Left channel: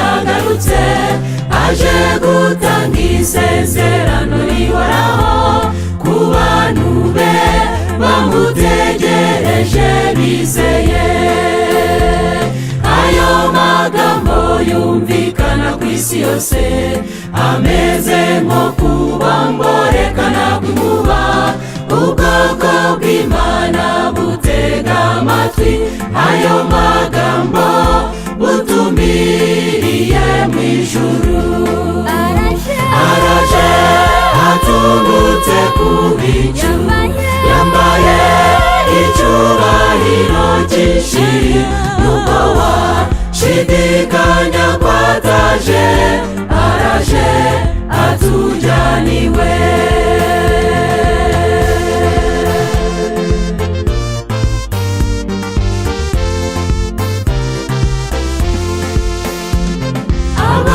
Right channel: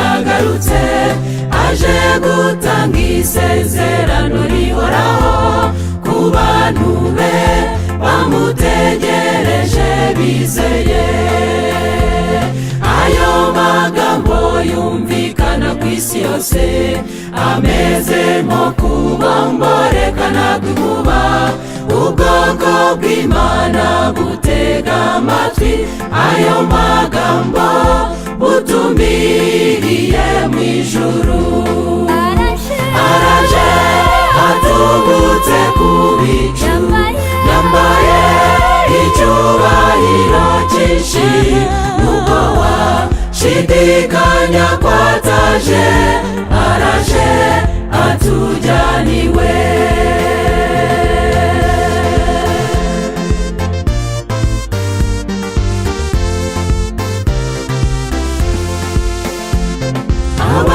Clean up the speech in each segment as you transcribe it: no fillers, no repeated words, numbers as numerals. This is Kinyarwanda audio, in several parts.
yagarutse aje gutanga isezerano rihoraho ku bantu be bamutegereje bizeye. Ayo magambo yumvikana ku isi yose ameze nko kubamborekana kw'inkuba. Ubwoko bw'Imana butega amatwi ayo magambo butumiriye mu ijuru. Araje atubutse ku bicu yambaye icyubahiro cyinshi. Nubwo washidikanya ko ataje, araje atujyaniwe.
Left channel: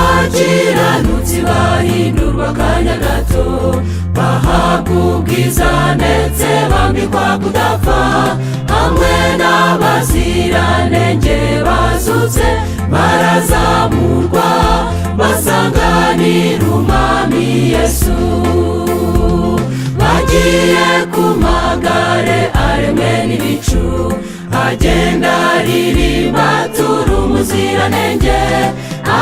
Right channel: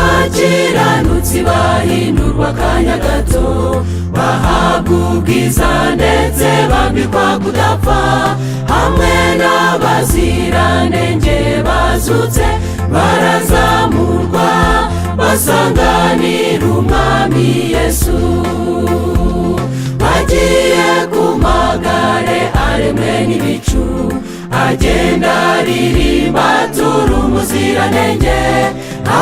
Abakiranutsi bahindurwa akanya gato, bahabwa ubwiza ndetse bambikwa kudapfa. Hamwe n'abaziranenge bazutse barazamurwa basanganira umwami Yesu. Bagiye ku magare aremwe n'ibicu, agenda aririmba atura umuziranenge.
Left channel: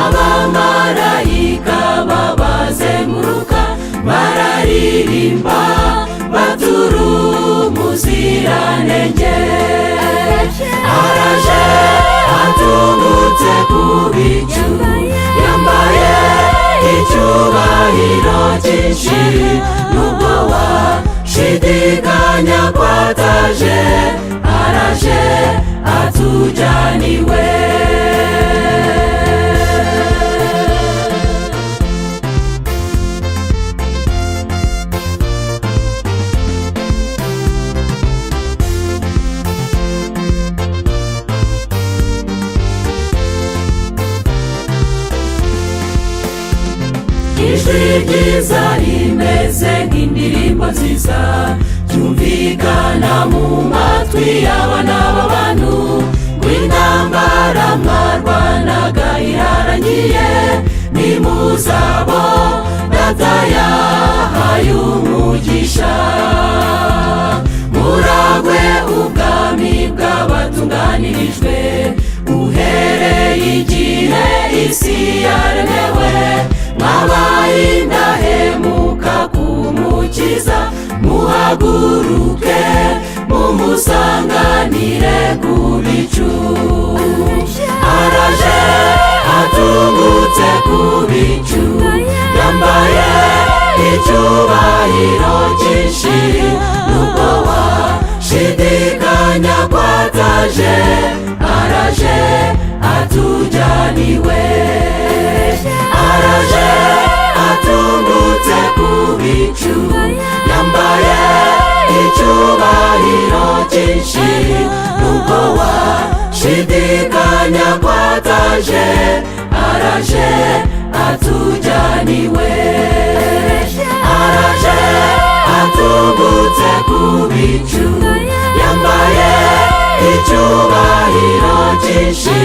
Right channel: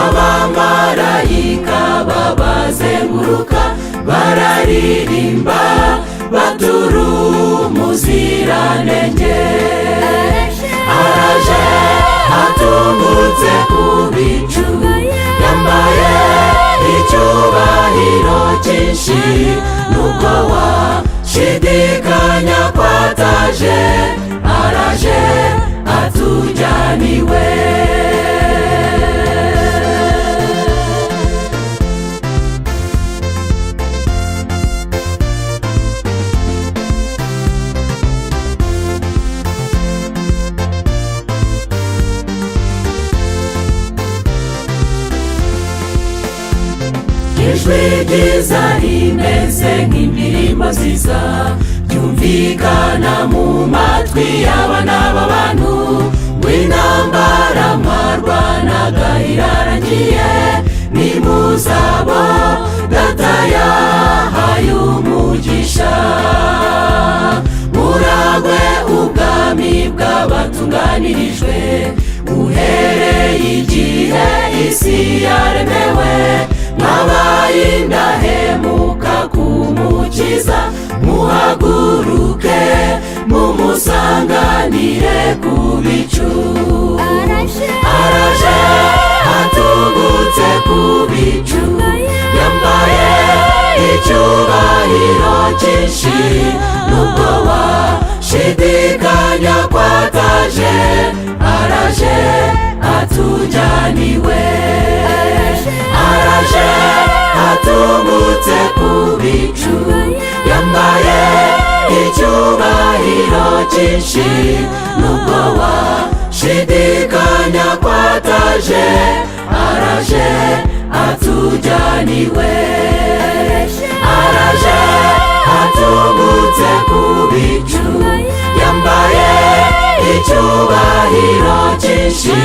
Abamarayika babazenguruka bararirimba batura umuziranenge. Araje atungutse ku bicu yambaye icyubahiro cyinshi. Nubwo washidikanya ko ataje, araje atujyaniwe. Ijwi ryiza rimeze nk'indirimbo nziza ryumvikana mu matwi y'abana b'abantu. W'intambara mwarwanaga irarangiye, nimuzabo data yahaye umugisha. Muragwe ubwami bw'abatunganirijwe uhereye igihe isi yaremewe. Mwabaye indahemuka kumukiza, muhaguruke mumusanganire ku bicu. Araje atubutse ku bicu yambaye icyubahiro cyinshi. Nubwo washidikanya ko ataje, araje atujyaniwe. Araje atungutse ku bicu yambaye icyubahiro cyinshi. Nubwo washidikanya ko ataje, araje atujyaniwe. Araje atungutse ku bicu yambaye icyubahiro cyinshi.